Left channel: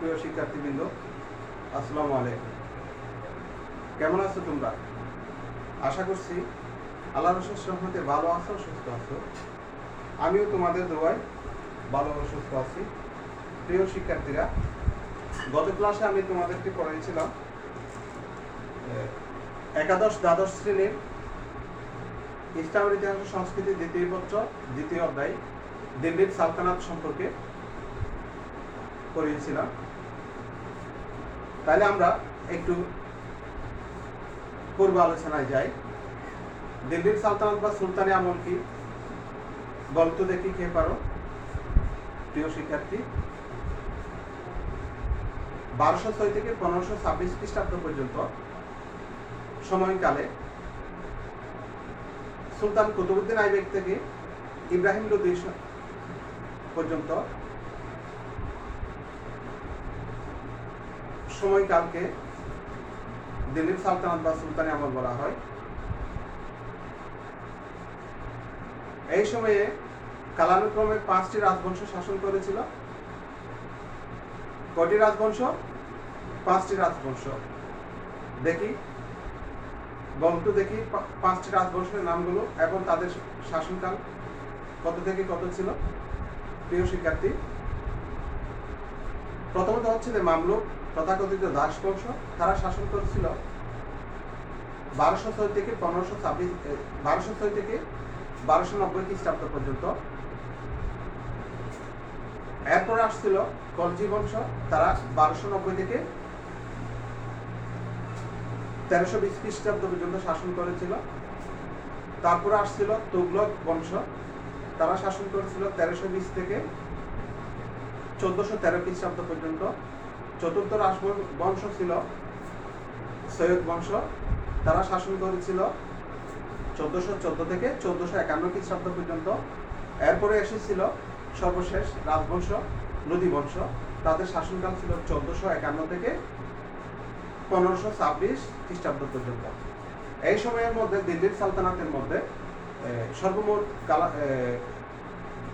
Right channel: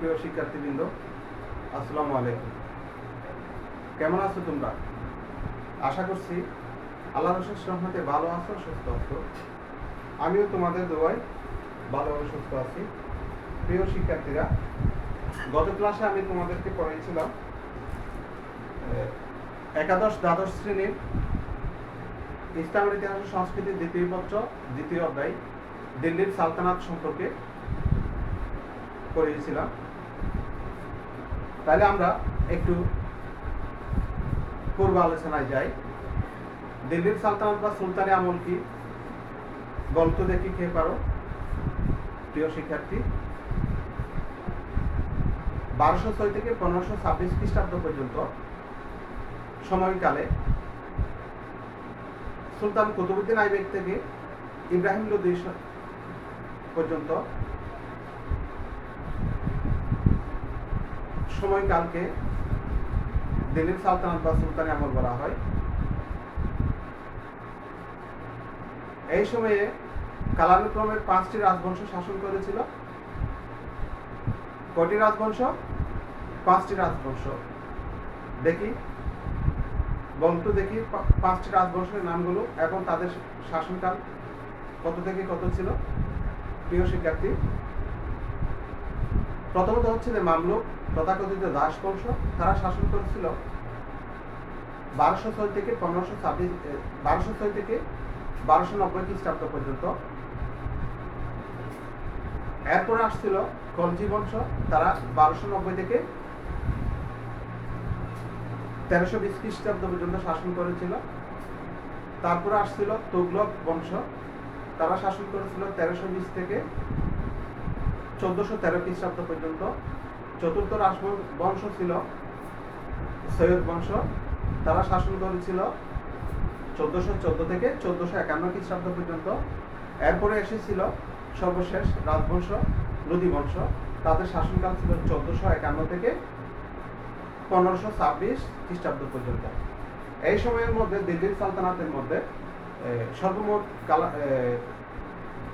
সুপ্রিয় শিক্ষার্থীবৃন্দ, আসসালামু আলাইকুম। কেমন আছো তোমরা? আশা করছি আল্লাহর অশেষ রহমতে ভালো আছো, সুস্থ আছো। আমিও তোমাদের দোয়ায় ভালো ও সুস্থ আছি। প্রিয় শিক্ষার্থীরা, গত ক্লাসে আমি তোমাদেরকে পড়াইছিলাম একাদশ দ্বাদশ শ্রেণীর ইসলামের ইতিহাস ও সংস্কৃতি দ্বিতীয় পত্র দ্বিতীয় অধ্যায় দিল্লির সালতানাত সম্পর্কে পড়িয়েছিলাম। তাহলে আমরা একটু পূর্ব আলোচনায় যাই। দিল্লির সালতানাত বা সুলতানি আমল কি বলতো দেখি, কে পারো প্রিয় শিক্ষার্থী? 1206 থেকে 1526 খ্রিস্টাব্দ পর্যন্ত সময়কালে সুলতান কুতুবউদ্দিন আইবেক থেকে ইব্রাহিম লোদি পর্যন্ত সময়কালকে দিল্লির সালতানাত বা সুলতানি আমল বলা হয়। এই সময়ে কালানুক্রমে 5টি রাজবংশ শাসন করেছিল। কটি রাজবংশ? 5টি রাজবংশ। দেখি বলতো দেখি 5টি রাজবংশের নামগুলো এবং তাদের শাসনকাল কত থেকে কত ছিল প্রিয় শিক্ষার্থী। প্রথমত হচ্ছে যে মামলুক, তথাকথিত দাস বংশ। তারা শাসন করেছিল 1206 থেকে 1290 খ্রিস্টাব্দ পর্যন্ত। এরপরে আসছিল খলজি বংশ, তারা 1290 থেকে 1320 খ্রিস্টাব্দ পর্যন্ত শাসন করেছিল। তারপরে আসছিল তুগলক বংশ, তারা শাসন করেছিল 1320 থেকে 1413 খ্রিস্টাব্দ পর্যন্ত। চতুর্থ রাজবংশ ছিল সৈয়দ বংশ, তারা শাসন করেছিল 1414 থেকে 1451 খ্রিস্টাব্দ পর্যন্ত। এরপরে এসেছিল সর্বশেষ রাজবংশ লোদি বংশ, তাদের শাসনকাল ছিল 1451 থেকে 1526 খ্রিস্টাব্দ পর্যন্ত। এই সময়ের মধ্যে দিল্লির সালতানাতের মধ্যে সর্বমোট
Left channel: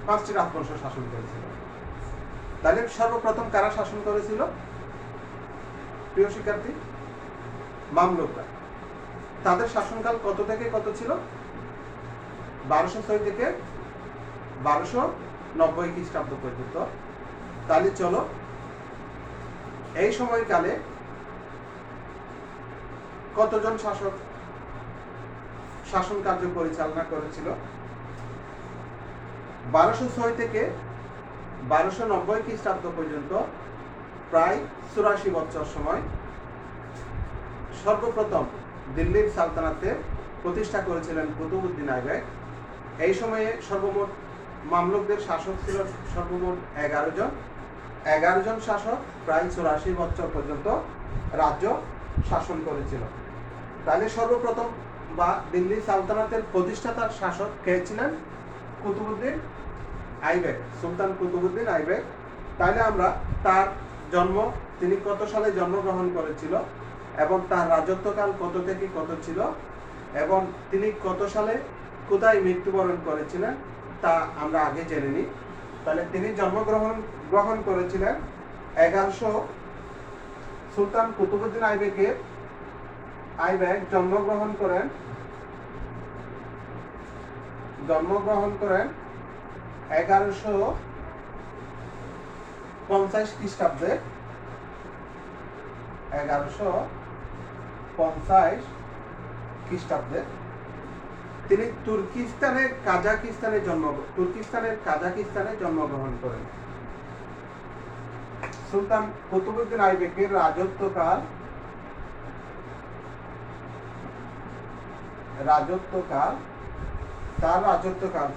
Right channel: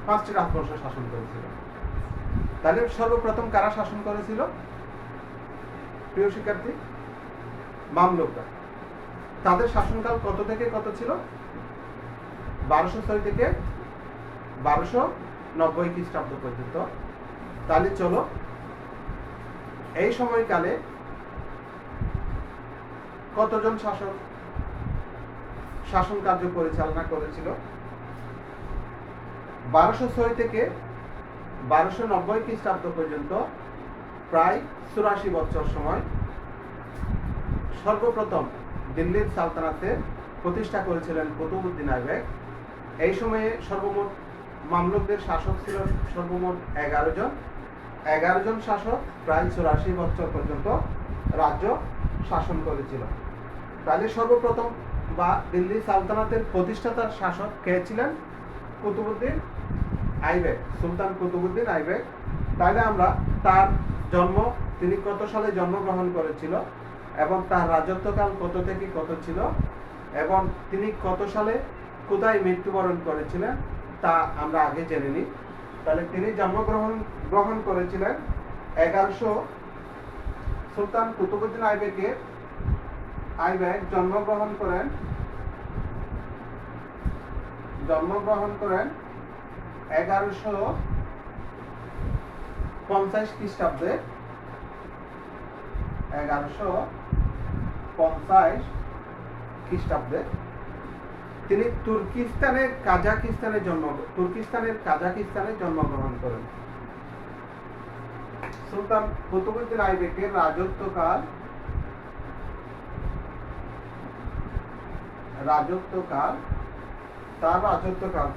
5টি রাজবংশ শাসন করেছিল। তাহলে সর্বপ্রথম কারা শাসন করেছিল প্রিয় শিক্ষার্থী? মামলুকরা। তাদের শাসনকাল কত থেকে কত ছিল? 1206 থেকে 1290 খ্রিস্টাব্দ পর্যন্ত। তাহলে চলো এই সময়কালে কতজন শাসক শাসন কার্য পরিচালনা করেছিল? 1206 থেকে 1290 খ্রিস্টাব্দ পর্যন্ত প্রায় 84 বছর সময় সর্বপ্রথম দিল্লির সালতানাতের প্রতিষ্ঠা করেছিলেন কুতুবউদ্দিন আইবেক। এই সময়ে সর্বমোট মামলুকদের শাসক ছিল সর্বমোট 11 জন শাসক প্রায় 84 বছর পর্যন্ত রাজ্য শাসন করেছিল। তাহলে সর্বপ্রথম বা দিল্লি সালতানাতের প্রতিষ্ঠাতা শাসক কে ছিলেন? কুতুবউদ্দিন আইবেক, সুলতান কুতুবউদ্দিন আইবেক। তাহলে আমরা তার জন্ম, তিনি কত সালে জন্মগ্রহণ করেছিল এবং তার রাজত্বকাল কত থেকে কত ছিল এবং তিনি কত সালে কোথায় মৃত্যুবরণ করেছিলেন তা আমরা আগে জেনে নিই। তাহলে তিনি জন্মগ্রহণ করেছিলেন 1100 সুলতান কুতুবউদ্দিন আইবেক জন্মগ্রহণ করেন 1150 খ্রিস্টাব্দে। 1150 খ্রিস্টাব্দে তিনি তুর্কিস্তানের কাজাকিস্তানে জন্মগ্রহণ করেন। সুলতান কুতুবউদ্দিন আইবেকের রাজত্বকাল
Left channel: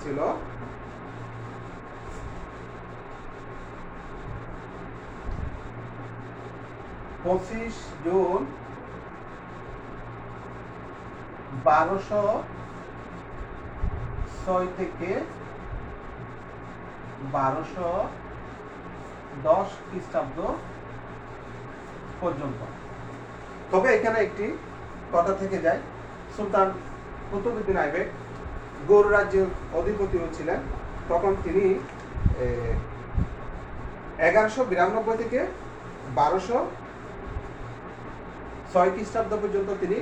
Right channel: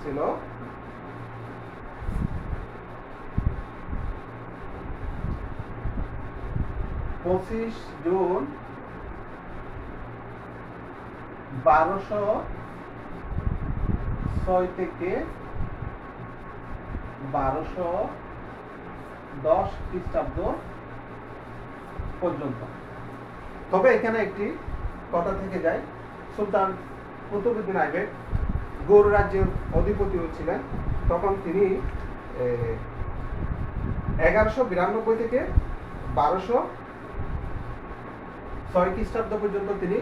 ছিল 25 জুন 1206 থেকে 1210 খ্রিস্টাব্দ পর্যন্ত। তবে এখানে একটি কথা থেকে যায়, সুলতান কুতুবউদ্দিন আইবেক গৌড় রাজ্যের অধিপতিও ছিলেন। তখন তিনি 1192 থেকে 1206 খ্রিস্টাব্দ পর্যন্ত তিনি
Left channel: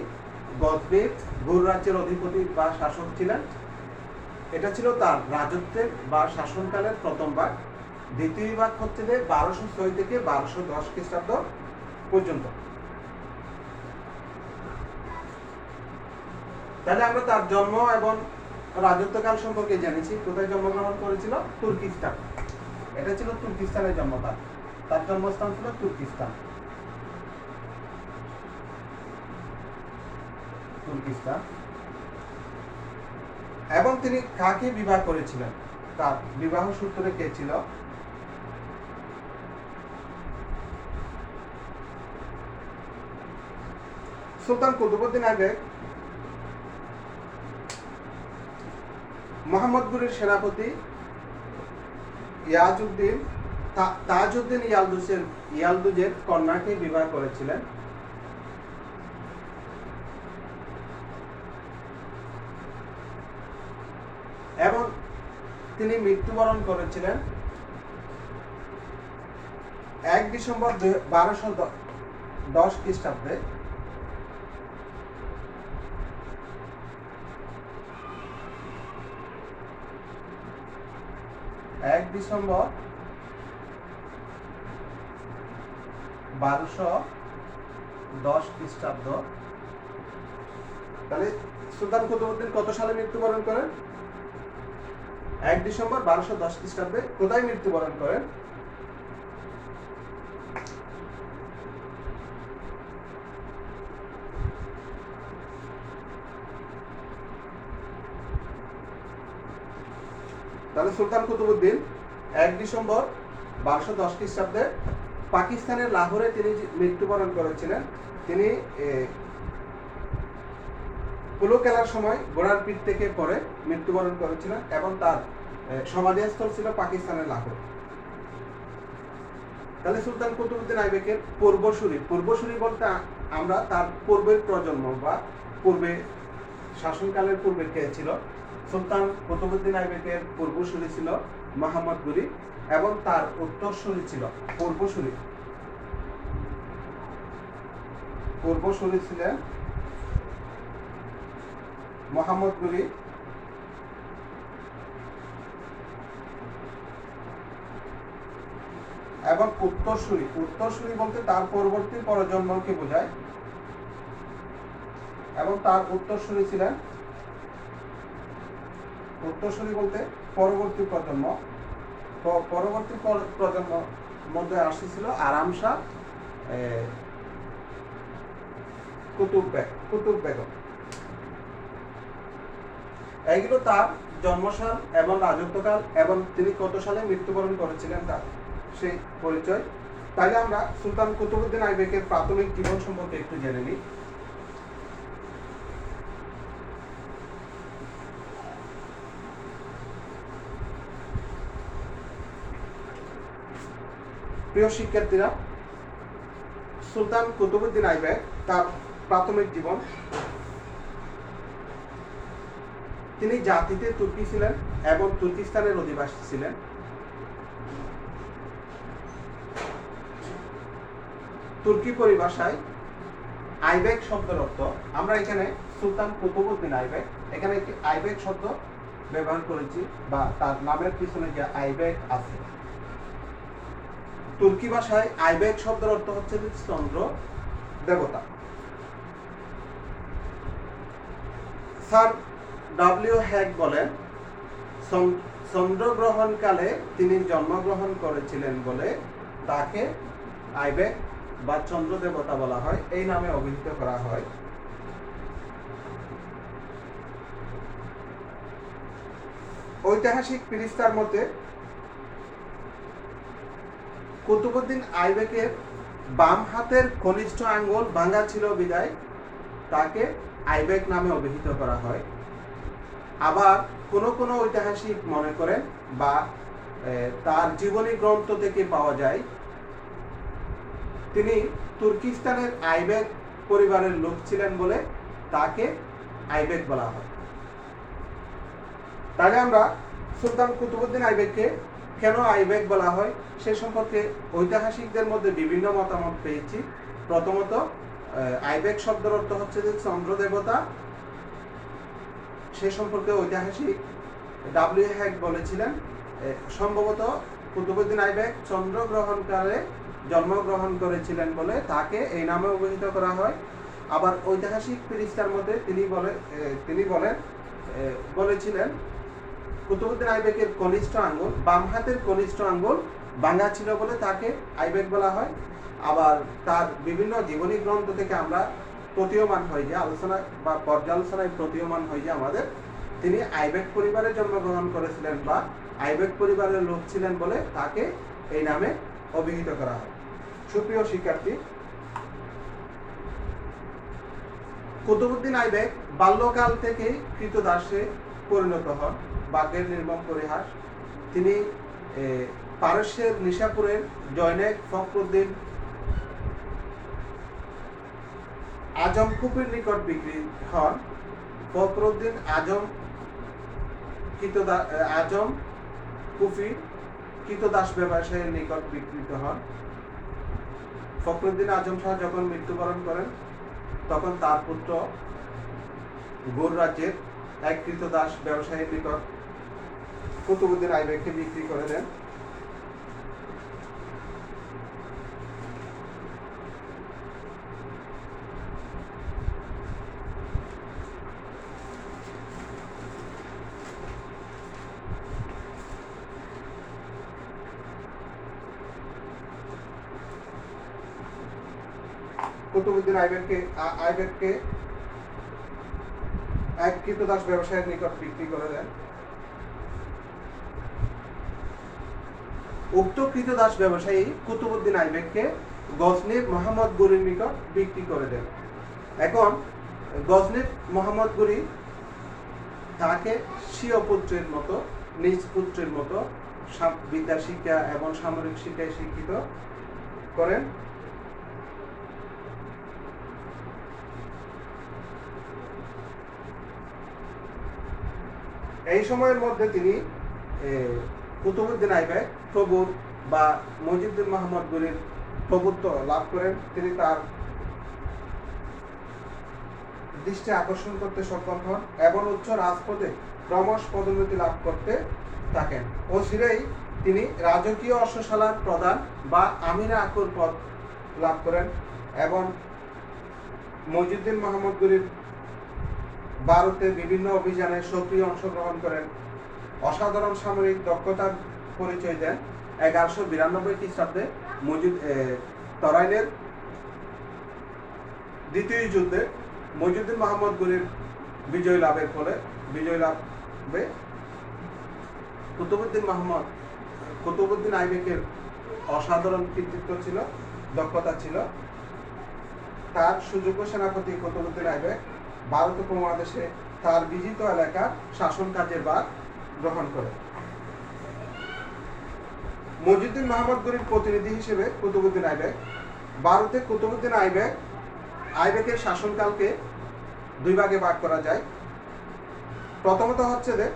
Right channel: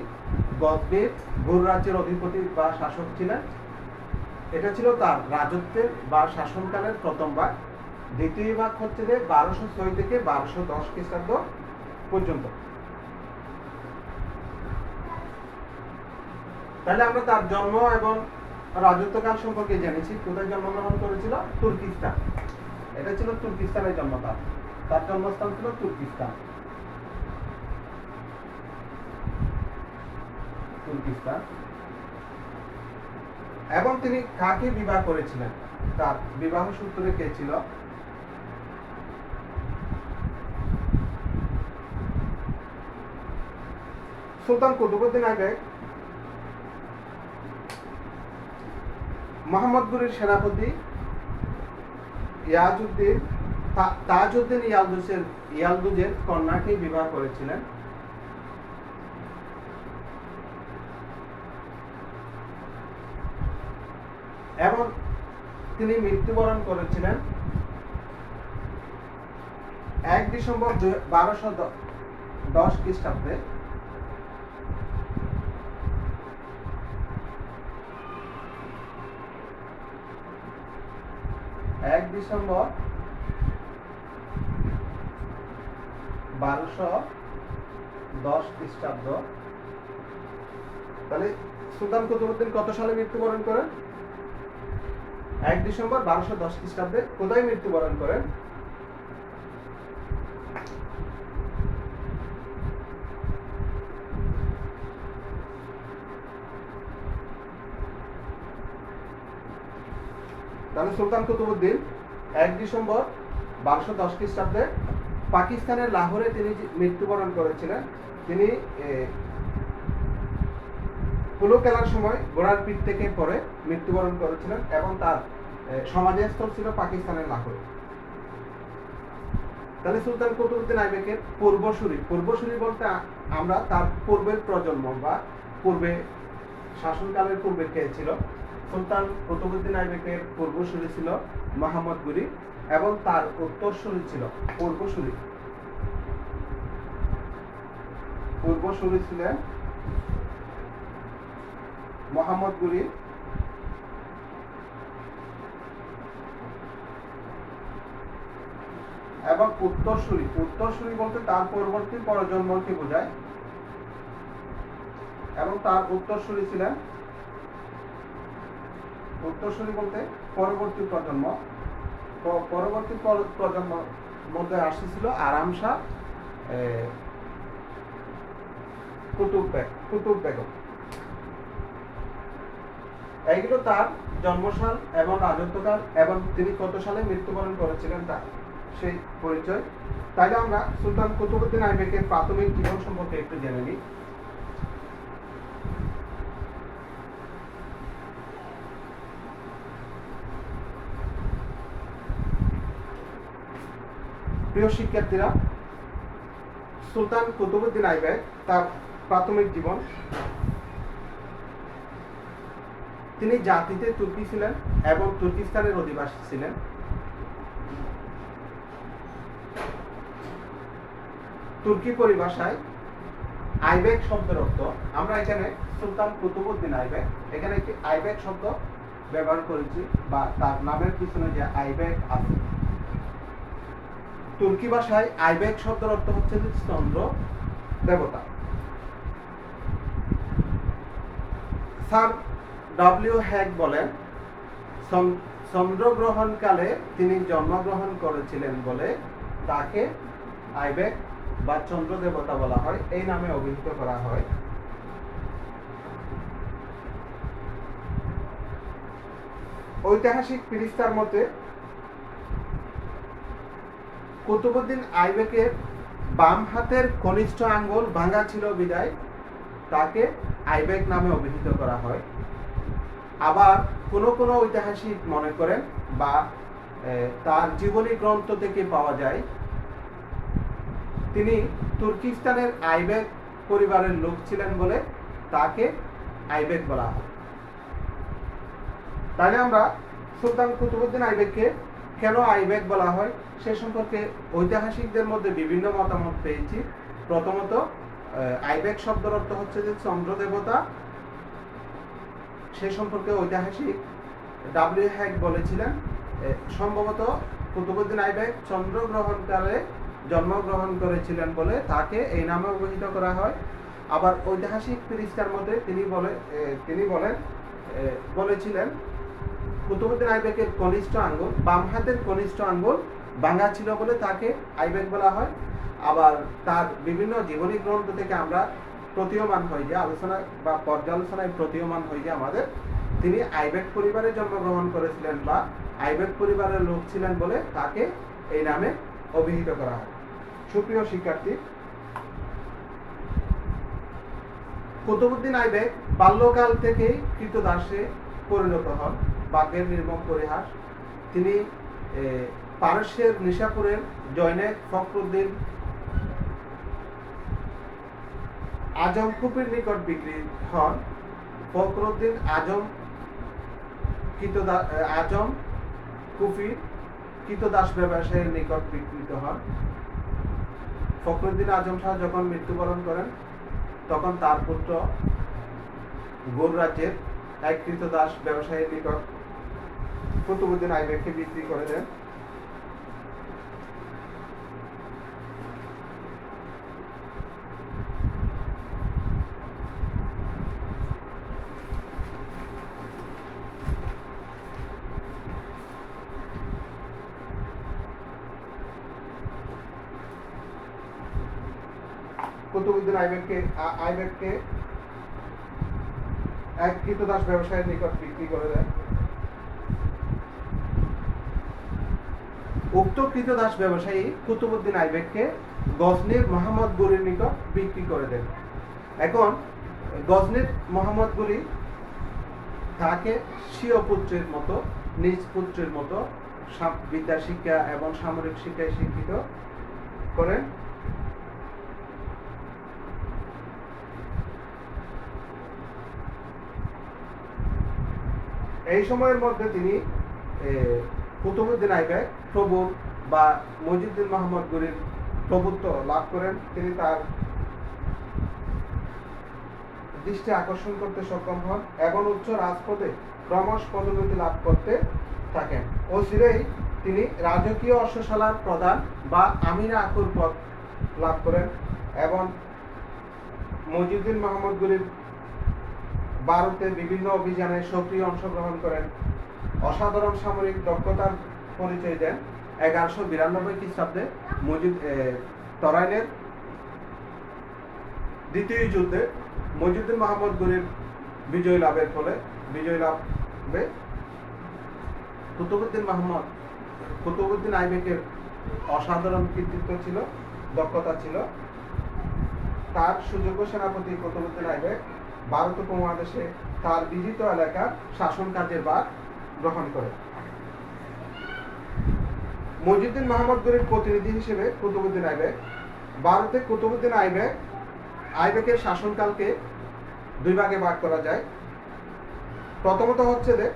গজনির গুর রাজ্যের অধিপতি বা শাসক ছিলেন। এটা ছিল তার রাজত্বের বা শাসনকালের প্রথম ভাগ। দ্বিতীয় ভাগ হচ্ছে যে 1206 থেকে 1210 খ্রিস্টাব্দ পর্যন্ত। তাহলে আমরা তার জন্ম এবং রাজত্বকাল সম্পর্কে জেনেছি। কোথায় জন্মগ্রহণ করেছিল? তুর্কিস্তান। এটা ছিল তুর্কিস্তানের জন্ম। তার জন্মস্থান ছিল তুর্কিস্তান। এবং তিনি কাকে বিবাহ করেছিলেন? তার বিবাহ সূত্রে কে ছিল? সুলতান কুতুবউদ্দিন আইবেক মোহাম্মদ গুরির সেনাপতি তাজউদ্দিন ইয়ালদুজের কন্যাকে বিবাহ করেছিলেন। এবং তিনি মৃত্যুবরণ করেছিলেন 1 ডিসেম্বর 1210 খ্রিস্টাব্দে। ডিসেম্বর 1210 খ্রিস্টাব্দ। তাহলে সুলতান কুতুবউদ্দিন কত সালে মৃত্যুবরণ করেন? 1 ডিসেম্বর 1210 খ্রিস্টাব্দে। কোথায় মৃত্যুবরণ করেন? তাহলে সুলতান কুতুবউদ্দিন 1 ডিসেম্বর 1210 খ্রিস্টাব্দে পাকিস্তানের লাহোরে তিনি মৃত্যুবরণ করেছিলেন। তিনি পোলো খেলার সময় ঘোড়ার পিঠ থেকে পড়ে মৃত্যুবরণ করেছিলেন এবং তার সমাধিস্থল ছিল পাকিস্তানের লাহোর। তাহলে সুলতান কুতুবউদ্দিন আইবেকের পূর্বসূরি বলতে আমরা তার পূর্বের প্রজন্ম বা পূর্বে শাসনকালের পূর্বে কে ছিল? সুলতান কুতুবউদ্দিন আইবেকের পূর্বসূরি ছিল মোহাম্মদ গুরি এবং তার উত্তরসূরি ছিল পূর্বসূরি ছিলেন মোহাম্মদ গুরি এবং উত্তরসূরি বলতে তার পরবর্তী প্রজন্মকে বোঝায়। এবং তার উত্তরসূরি বলতে পরবর্তী প্রজন্ম। পরবর্তী প্রজন্ম মধ্যে আসছিল আরাম শাহ, কুতুব বেগম। এইগুলো তার জন্মসাল এবং রাজত্বকাল এবং তিনি কত সালে মৃত্যুবরণ করেছিলেন তার সেই পরিচয়। তাইলে আমরা সুলতান কুতুবউদ্দিন আইবেকের প্রাথমিক জীবন সম্পর্কে একটু জেনে নিই। প্রিয় শিক্ষার্থীরা, সুলতান কুতুবউদ্দিন আইবেক তার প্রাথমিক জীবন। তিনি জাতিতে তুর্কি ছিলেন এবং তুর্কিস্তানের অধিবাসী ছিলেন। তুর্কি পরিভাষায় আইবেক শব্দের অর্থ, আমরা এখানে সুলতান কুতুবউদ্দিন আইবেক, এখানে একটি আইবেক শব্দ ব্যবহার করেছি বা তার নামের পিছনে যে আইবেক আছে। তুর্কি ভাষায় আইবেক শব্দের অর্থ হচ্ছে চন্দ্র দেবতা। স্যার ডব্লিউ হ্যাক বলেন, চন্দ্রগ্রহণকালে তিনি জন্মগ্রহণ করেছিলেন বলে তাকে আইবেক বা চন্দ্র দেবতা বলা হয়, এই নামে অভিহিত করা হয়। ঐতিহাসিক ফিরিস্তার মতে কুতুবউদ্দিন আইবেকের বাম হাতের কনিষ্ঠ আঙ্গুল ভাঙা ছিল বিদায় তাকে আইবেক নামে অভিহিত করা হয়। আবার কোনো ঐতিহাসিক মনে করেন বা তার জীবনী গ্রন্থ থেকে পাওয়া যায় তিনি তুর্কিস্তানের আইবেক পরিবারের লোক ছিলেন বলে তাকে আইবেক বলা হয়। তাহলে আমরা সুলতান কুতুবউদ্দিন আইবেককে কেন আইবেক বলা হয় সে সম্পর্কে ঐতিহাসিকদের মধ্যে বিভিন্ন মতামত পেয়েছি। প্রথমত, আইবেক শব্দের অর্থ হচ্ছে যে চন্দ্র দেবতা। সে সম্পর্কে ঐতিহাসিক ডাব্লিউ হ্যাক বলেছিলেন সম্ভবত কুতুবউদ্দিন আইবেক চন্দ্রগ্রহণকালে জন্মগ্রহণ করেছিলেন বলে তাকে এই নামে অভিহিত করা হয়। আবার ঐতিহাসিক পৃষ্ঠার মধ্যে তিনি বলেছিলেন কুতুবউদ্দিন আইবেকের কনিষ্ঠ আঙ্গুল, বাম হাতের কনিষ্ঠ আঙ্গুল ভাঙা ছিল বলে তাকে আইবেক বলা হয়। আবার তার বিভিন্ন জীবনী গ্রন্থ থেকে আমরা প্রতীয়মান হয় যে আলোচনা বা পর্যালোচনায় প্রতীয়মান হয় যে আমাদের তিনি আইবেক পরিবারে জন্মগ্রহণ করেছিলেন বা আইবেক পরিবারের লোক ছিলেন বলে তাকে এই নামে অভিহিত করা হয়। সুপ্রিয় শিক্ষার্থী, কুতুবউদ্দিন আইবেক বাল্যকাল থেকেই কৃতদাসে পরিণত হন। বাঘের নির্মম পরিহাস। তিনি পারস্যের নিশাপুরের জৈনেক ফখরুদ্দিন আজম কুফির নিকট বিক্রি হন। ফখরুদ্দিন আজম কুফি কৃতদাস ব্যবসায়ীর নিকট বিক্রিত হন। ফখরুদ্দিন আজম শাহ যখন মৃত্যুবরণ করেন তখন তার পুত্র গৌর রাজ্যের এক কৃতদাস ব্যবসায়ীর নিকট কুতুবউদ্দিন আইবেককে বিক্রি করে দেন। কুতুবউদ্দিন আইবেককে এক কৃতদাস ব্যবসায়ীর নিকট বিক্রি করে দেন। উক্ত কৃতদাস ব্যবসায়ী কুতুবউদ্দিন আইবেককে গজনির মোহাম্মদ গনির নিকট বিক্রি করে দেন। এখন গজনির মোহাম্মদ গনি তাকে স্বীয় পুত্রের মতো, নিজ পুত্রের মতো বিদ্যা শিক্ষা এবং সামরিক শিক্ষায় শিক্ষিত করেন। এই সময়ের মধ্যে তিনি কুতুবউদ্দিন আইবেক প্রভুর বা মইজুদ্দিন মোহাম্মদ গনির প্রভুত্ব লাভ করেন। তিনি তার দৃষ্টি আকর্ষণ করতে সক্ষম হন এবং উচ্চ রাজপদে ক্রমশ পদোন্নতি লাভ করতে থাকেন। অচিরেই তিনি রাজকীয় অশ্বশালার প্রধান বা আমিরা আকুর পদ লাভ করেন এবং মইজুদ্দিন মোহাম্মদ গনির ভারতে বিভিন্ন অভিযানে সক্রিয় অংশগ্রহণ করেন। অসাধারণ সামরিক দক্ষতার পরিচয় দেন। 1192 খ্রিস্টাব্দে তরাইনের দ্বিতীয় যুদ্ধে মইজুদ্দিন মোহাম্মদ গনির বিজয় লাভে কুতুবউদ্দিন আইবেকের অসাধারণ কৃতিত্ব ছিল, দক্ষতা ছিল। তার সুযোগ্য সেনাপতি কুতুবউদ্দিন আইবেক ভারত উপমহাদেশে তার বিজিত এলাকার শাসন কাজের ভার গ্রহণ করে। মইজুদ্দিন মোহাম্মদ গনির প্রতিনিধি হিসেবে কুতুবউদ্দিন আইবেক ভারতে কুতুবউদ্দিন আইবেকের শাসনকালকে দুই ভাগে ভাগ করা যায়। প্রথমত হচ্ছে যে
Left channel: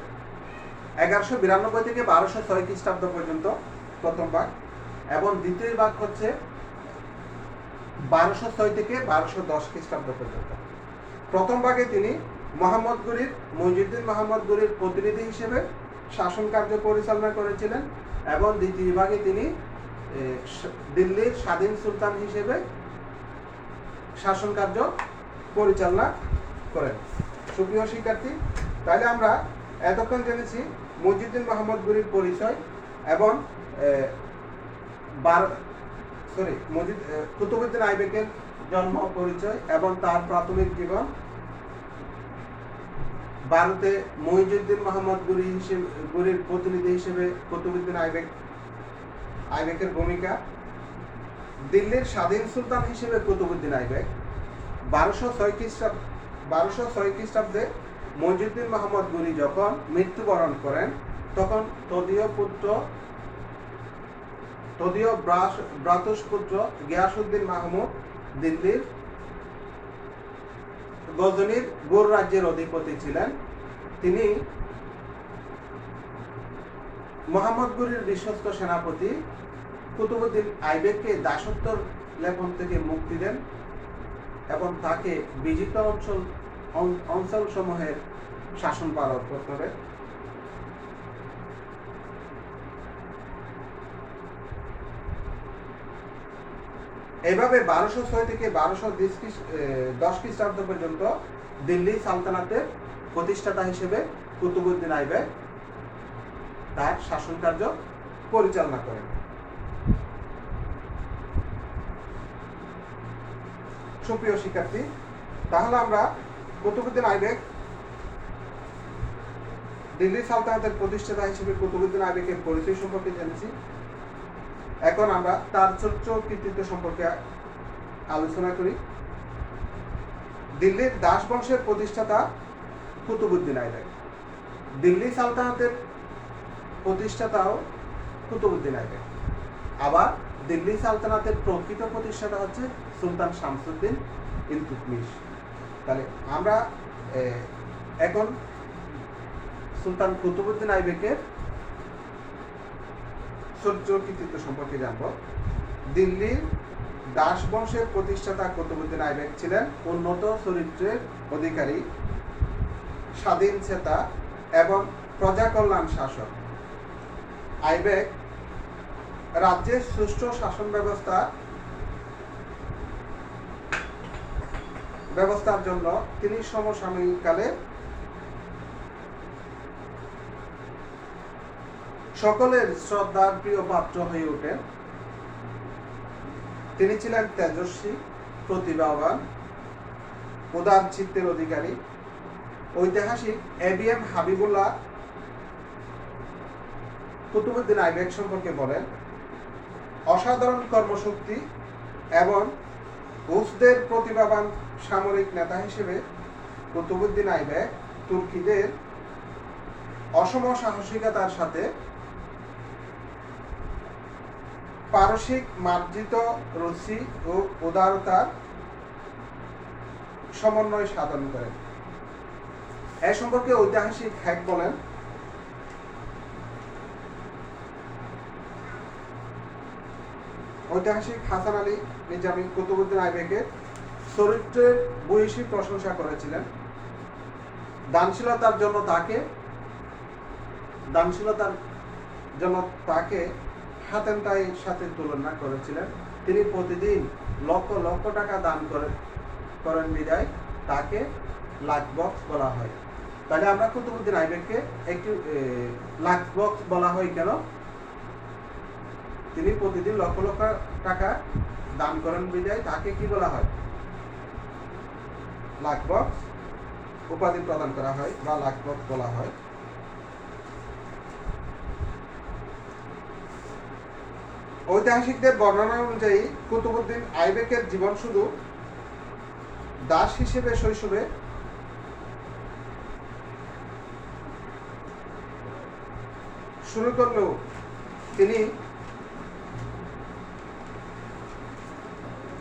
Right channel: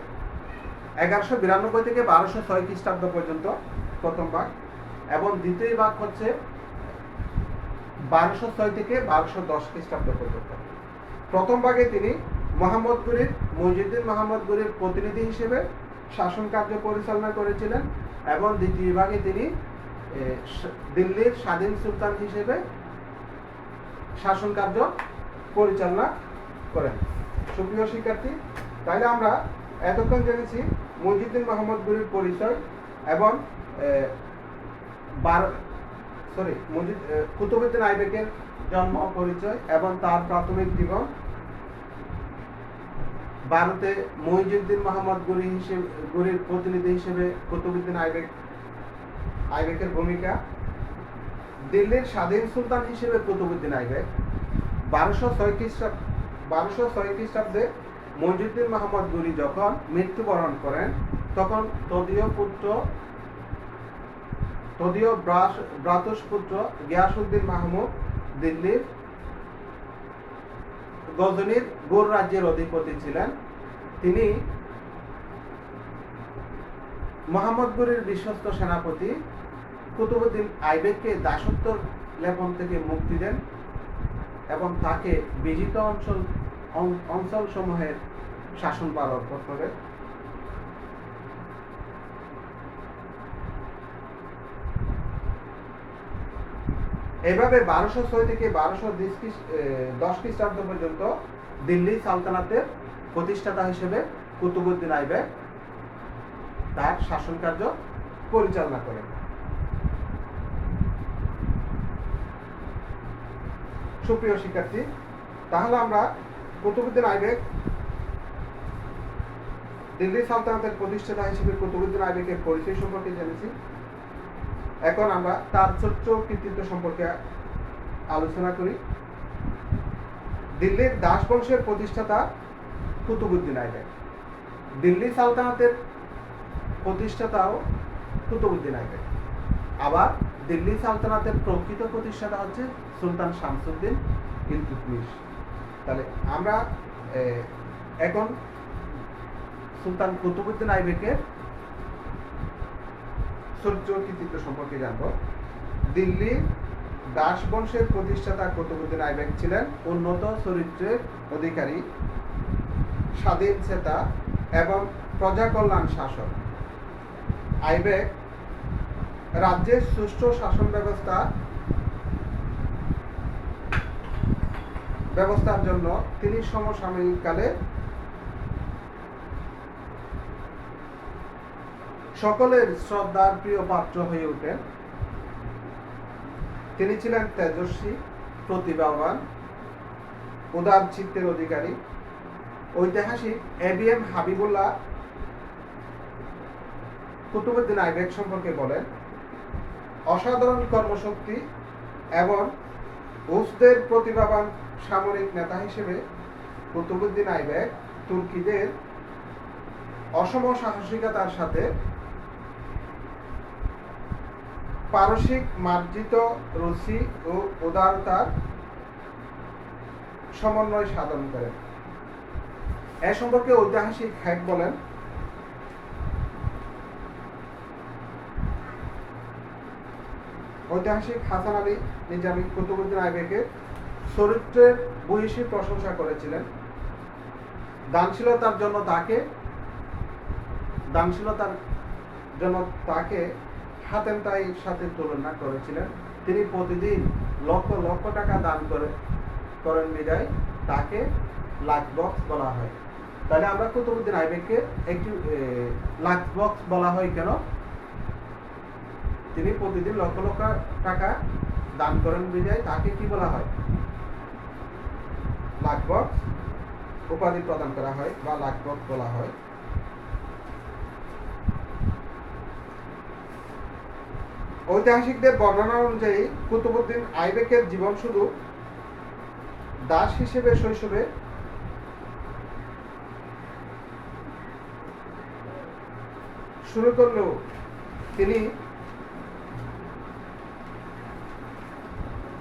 1192 থেকে 1206 খ্রিস্টাব্দ পর্যন্ত প্রথম ভাগ, এবং দ্বিতীয় ভাগ হচ্ছে 1206 থেকে 1210 খ্রিস্টাব্দ পর্যন্ত। প্রথম ভাগে তিনি মইজুদ্দিন মোহাম্মদ গনির প্রতিনিধি হিসেবে শাসন কার্য পরিচালনা করেছিলেন এবং দ্বিতীয় ভাগে তিনি দিল্লির স্বাধীন সুলতান হিসেবে শাসন কার্য পরিচালনা করেন। সুপ্রিয় শিক্ষার্থী, তাহলে আমরা এতক্ষণ জেনেছি মইজুদ্দিন মোহাম্মদ গনির পরিচয় এবং কুতুবউদ্দিন আইবেকের জন্ম পরিচয় এবং তার প্রাথমিক জীবন। ভারতে মইজুদ্দিন মোহাম্মদ গনির প্রতিনিধি হিসেবে কুতুবউদ্দিন আইবেকের ভূমিকা। দিল্লির স্বাধীন সুলতান হিসেবে কুতুবউদ্দিন আইবেক। 1206 খ্রিস্টাব্দে মইজুদ্দিন মোহাম্মদ গনি যখন মৃত্যুবরণ করেন তখন তদীয় ভ্রাতুষ্পুত্র গিয়াসউদ্দিন মাহমুদ দিল্লির গজনির গৌর রাজ্যের অধিপতি ছিলেন। তিনি মোহাম্মদ ঘুরির বিশ্বস্ত সেনাপতি কুতুবউদ্দিন আইবেককে দাসত্ব লেপন থেকে মুক্তি দেন এবং তাকে বিজিত অঞ্চলসমূহের শাসনভার অর্পণ করে। এইভাবে 1206 থেকে 1210 খ্রিস্টাব্দ পর্যন্ত দিল্লি সালতানাতের প্রতিষ্ঠাতা হিসেবে কুতুবউদ্দিন আইবেক তার শাসন কার্য পরিচালনা করেন। সুপ্রিয় শিক্ষার্থী, তাহলে আমরা কুতুবউদ্দিন আইবেক দিল্লি সালতানাতের প্রতিষ্ঠাতা হিসেবে কুতুবউদ্দিন আইবেকের পরিচয় সম্পর্কে জেনেছি। এখন আমরা তার ছোট্ট কৃতিত্ব সম্পর্কে আলোচনা করি। দিল্লির দাস বংশের প্রতিষ্ঠাতা কুতুবউদ্দিন আইবেক। দিল্লি সালতানাতের প্রতিষ্ঠাতাও কুতুবউদ্দিন আইবেক। আবার দিল্লি সালতানাতের প্রকৃত প্রতিষ্ঠাতা হচ্ছে সুলতান শামসুদ্দিন ইলতুৎমিশ। তাহলে আমরা এখন সুলতান কুতুবউদ্দিন আইবেকের ছোট্ট কৃতিত্ব সম্পর্কে জানব। দিল্লি দাস বংশের প্রতিষ্ঠাতা কুতুবউদ্দিন আইবেক ছিলেন উন্নত চরিত্রের অধিকারী, স্বাধীন চেতা এবং প্রজাকল্যাণ শাসক। আইবেক রাজ্যের সুষ্ঠু শাসন ব্যবস্থার জন্য তিনি সমসাময়িককালে সকলের শ্রদ্ধার প্রিয় পাত্র হয়ে ওঠেন। তিনি ছিলেন তেজস্বী, প্রতিভাবান, উদার চিত্তের অধিকারী। ঐতিহাসিক এবিএম হাবিবুল্লাহ কুতুবউদ্দিন আইবেক সম্পর্কে বলেন, অসাধারণ কর্মশক্তি এবং উসদের প্রতিভাবান সামরিক নেতা হিসেবে কুতুবউদ্দিন আইবেক তুর্কিদের অসম সাহসিকতার সাথে পারসিক মার্জিত রুচি ও উদারতার সমন্বয় সাধন করেন। এ সম্পর্কে ঐতিহাসিক হ্যাক বলেন, ঐতিহাসিক হাসান আলী নিজামী কুতুবউদ্দিন আইবেকের চরিত্রের ভূয়সী প্রশংসা করেছিলেন। দানশীলতার জন্য তাকে হাতেমতাইয়ের সাথে তুলনা করেছিলেন। তিনি প্রতিদিন লক্ষ লক্ষ টাকা দান করেন বিদায় তাকে লাখ বক্স বলা হয়। তাহলে আমরা কুতুবউদ্দিন আইবেককে একটি লাখ বক্স বলা হয় কেন? তিনি প্রতিদিন লক্ষ লক্ষ টাকা দান করেন বিদায় তাকে কি বলা হয়? লাখ বক্স উপাধি প্রদান করা হয় বা লাখ বক্স বলা হয়। ঐতিহাসিকদের বর্ণনা অনুযায়ী কুতুবউদ্দিন আইবেকের জীবন শুধু দাস হিসেবে শৈশবে শুরু করলেও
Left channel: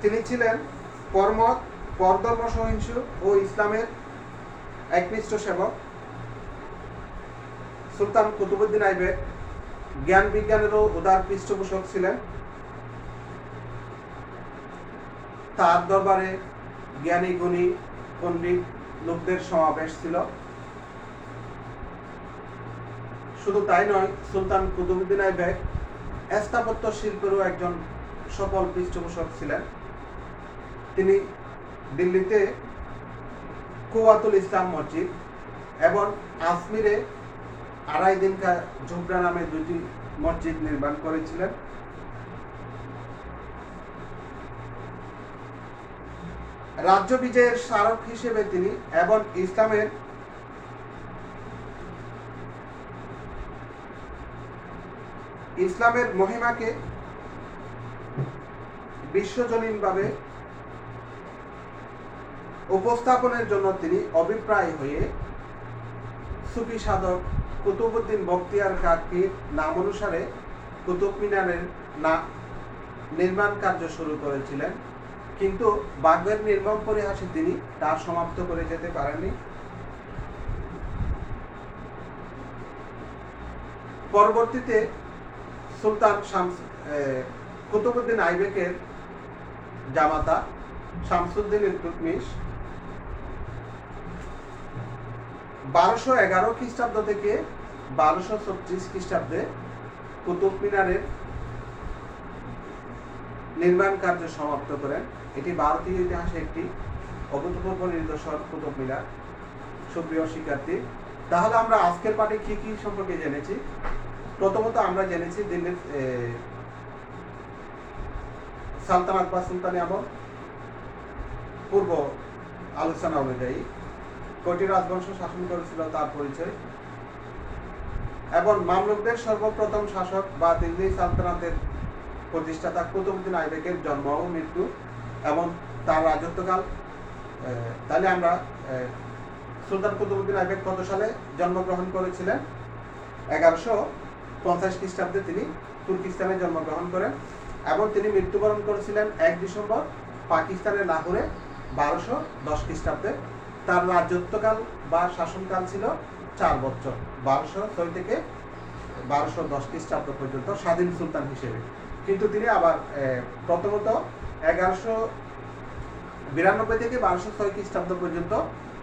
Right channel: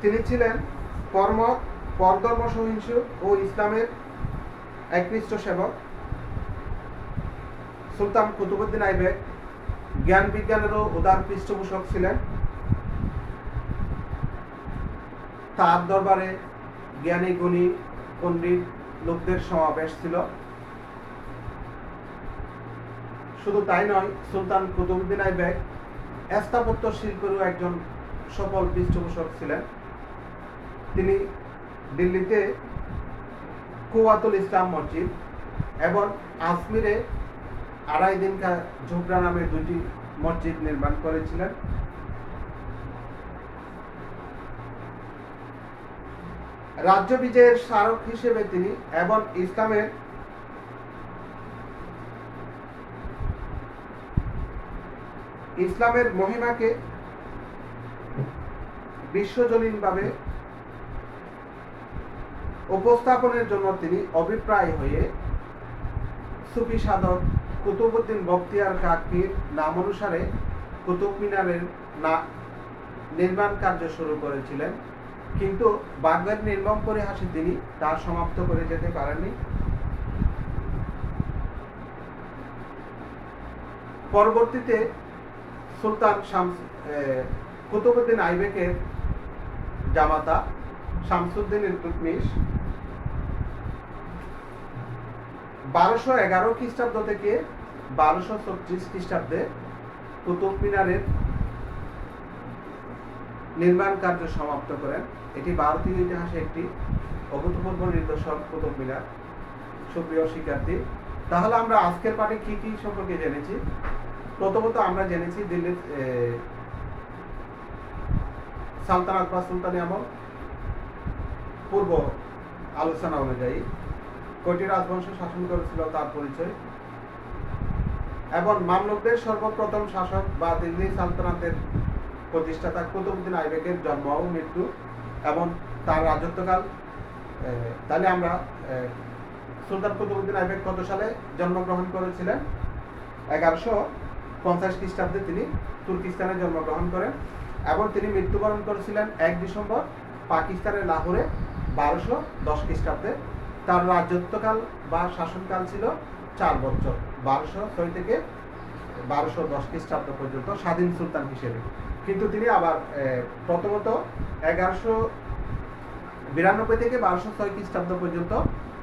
তিনি ছিলেন পরধর্ম সহিষ্ণু ও ইসলামের একনিষ্ঠ সেবক। সুলতান কুতুবউদ্দিন আইবেক জ্ঞান বিজ্ঞানেরও উদার পৃষ্ঠপোষক ছিলেন। তার দরবারে জ্ঞানী গুণী পণ্ডিত লোকদের সমাবেশ ছিল। শুধু তাই নয়, সুলতান কুতুবউদ্দিন আইবেক স্থাপত্য শিল্পেরও একজন সফল পৃষ্ঠপোষক ছিলেন। তিনি দিল্লিতে কুওয়াতুল ইসলাম মসজিদ এবং আজমিরে আড়াই দিনকা ঝোপড়া নামে দুটি মসজিদ নির্মাণ করেছিলেন। রাজ্য বিজয়ের স্মারক হিসেবে তিনি এবং ইসলামের মহিমাকে বিশ্বজনীনভাবে উপস্থাপনের জন্য তিনি অভিপ্রায় হয়ে সুফি সাধক কুতুবউদ্দিন বখতিয়ার কাকির নাম অনুসারে কুতুব মিনারের নির্মাণ কার্য শুরু করেছিলেন, কিন্তু ভাগ্যের নির্মম পরিহাসে তিনি তা সমাপ্ত করে যেতে পারেননি। পরবর্তীতে সুলতান কুতুবউদ্দিন আইবেকের জামাতা শামসুদ্দিন ইলতুৎমিশ 1211 খ্রিস্টাব্দ থেকে 1236 খ্রিস্টাব্দে কুতুব মিনারের নির্মাণ কার্য সমাপ্ত করেন। এটি ভারতীয় ইতিহাসে একটি অভূতপূর্ব নিদর্শন কুতুব মিনার। সুপ্রিয় শিক্ষার্থী, তাহলে আমরা আজকের পাঠে কি কি সম্পর্কে জেনেছি? প্রথমত আমরা জেনেছি দিল্লির সালতানাত বা সুলতানি আমল পূর্ব আলোচনা অনুযায়ী কয়টি রাজবংশ শাসন করেছিল তার পরিচয়, এবং মামলুকদের সর্বপ্রথম শাসক বা দিল্লি সালতানাতের প্রতিষ্ঠাতা কুতুবউদ্দিন আইবেকের জন্ম ও মৃত্যু এবং তার রাজত্বকাল। তাহলে আমরা সুলতান কুতুবউদ্দিন আইবেক কত সালে জন্মগ্রহণ করেছিলেন? 1150 খ্রিস্টাব্দে তিনি তুর্কিস্তানে জন্মগ্রহণ করেন এবং তিনি মৃত্যুবরণ করেছিলেন 1 ডিসেম্বর পাকিস্তানের লাহোরে 1210 খ্রিস্টাব্দে। তার রাজত্বকাল বা শাসনকাল ছিল 4 বছর, 1206 থেকে 1210 খ্রিস্টাব্দ পর্যন্ত স্বাধীন সুলতান হিসেবে। কিন্তু তিনি আবার প্রথমত 1192 থেকে 1206 খ্রিস্টাব্দ পর্যন্ত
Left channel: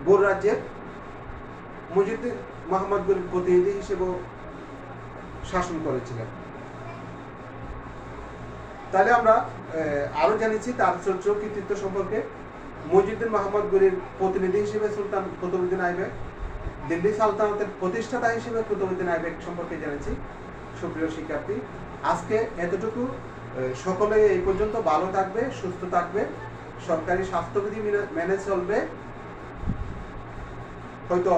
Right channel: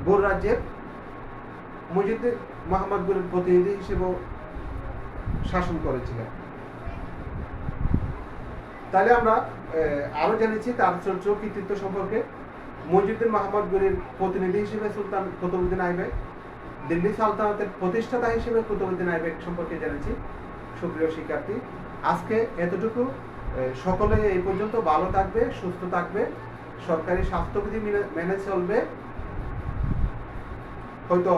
গোর রাজ্যের মুজিবুর মোহাম্মদ গনির প্রতিনিধি হিসেবেও শাসন করেছিলেন। তাহলে আমরা আরো জেনেছি তার চরিত্র কৃতিত্ব সম্পর্কে। মুজিবুর মোহাম্মদ গনির প্রতিনিধি হিসেবে সুলতান কুতুবউদ্দিন আইবেক, দিল্লি সালতানাতের প্রতিষ্ঠাতা হিসেবে কুতুবউদ্দিন আইবেক সম্পর্কে জেনেছি। সুপ্রিয় শিক্ষার্থী, আজকে এতটুকু। সকলে এই পর্যন্ত ভালো থাকবে, সুস্থ থাকবে, সরকারি স্বাস্থ্যবিধি মেনে চলবে। হয়তো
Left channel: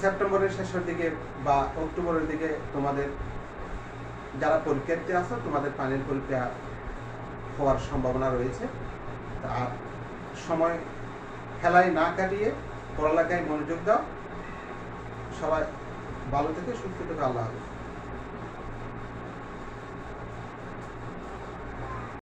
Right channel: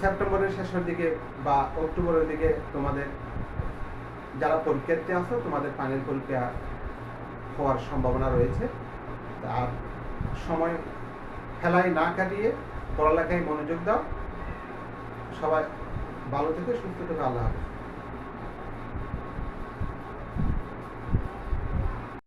সেপ্টেম্বরের শেষের দিকে বা অক্টোবরের দিকে তোমাদের যারা পরীক্ষার্থী আছো তোমাদের ফাইনাল পরীক্ষা হওয়ার সম্ভাবনা রয়েছে। আর সময় খেলায় না কাটিয়ে পড়ালেখায় মনোযোগ দাও। সবাই ভালো থেকে সুস্থ থেকে, আল্লাহ হাফেজ।